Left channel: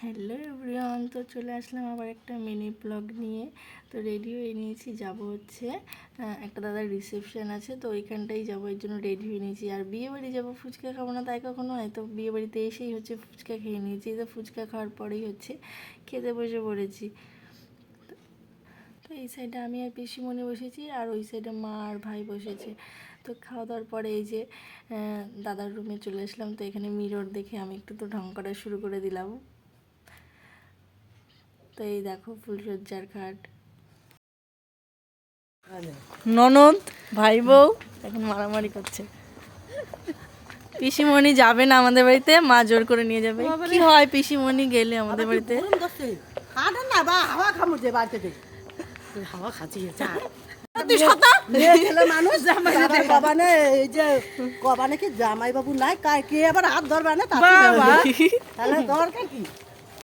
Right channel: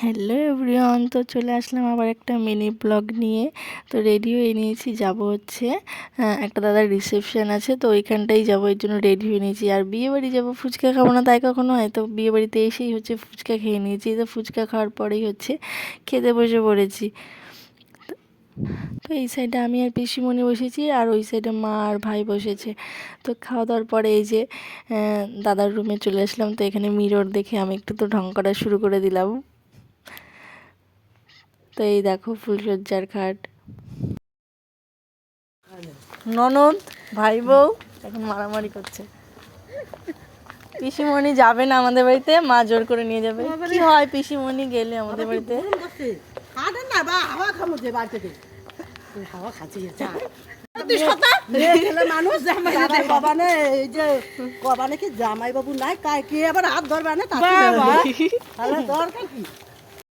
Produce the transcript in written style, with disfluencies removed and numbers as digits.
Hello everyone, তো চলে আসলাম আবার একটা মিনি ব্লগ নিয়ে। তো রেডি হয়ে নিয়েছি, যাব হচ্ছে একটা দাদার রিসেপশন আছে, তো ওইখানটাই যাবো, এর জন্য রেডি হয়ে নিয়েছি। আর বিয়ে বাড়ি যাবো, ফুচকা খাবো না তাই কখনো হয়? তো বিয়ে বাড়িতে এসেই হচ্ছে ফুচকা খেয়ে নিয়েছি। তো ফুচকা খাওয়ার পরেই হচ্ছে খেতে বসে পড়েছি। তো এই সাইডে আমি আর পিসিমণি বসেছি, আর ওই সাইডে মা আর ভাই বসেছে। তো খাওয়া দাওয়ার পরে এই যে দাদার রুমে চলে আসলাম। তো এখানে মিরর দেখে আমি একটু তো ঢং করা শুরু করে দিলাম। তো এই দেখো ফুলসজ্জার খাট, ননদ ভাই বউ এখন মারামারি করছে। পিসিমণি যাবে না আমাদের বাড়িতে, মা জোর করে নিয়ে যাবে। কি হয় পিসিমণি গেলে আমাদের বাড়িতে? মানুষ এই যে কবানে কি জামাই বাবু নাই কে আবার হাত ধরবে না, তাহলে দরকার কি?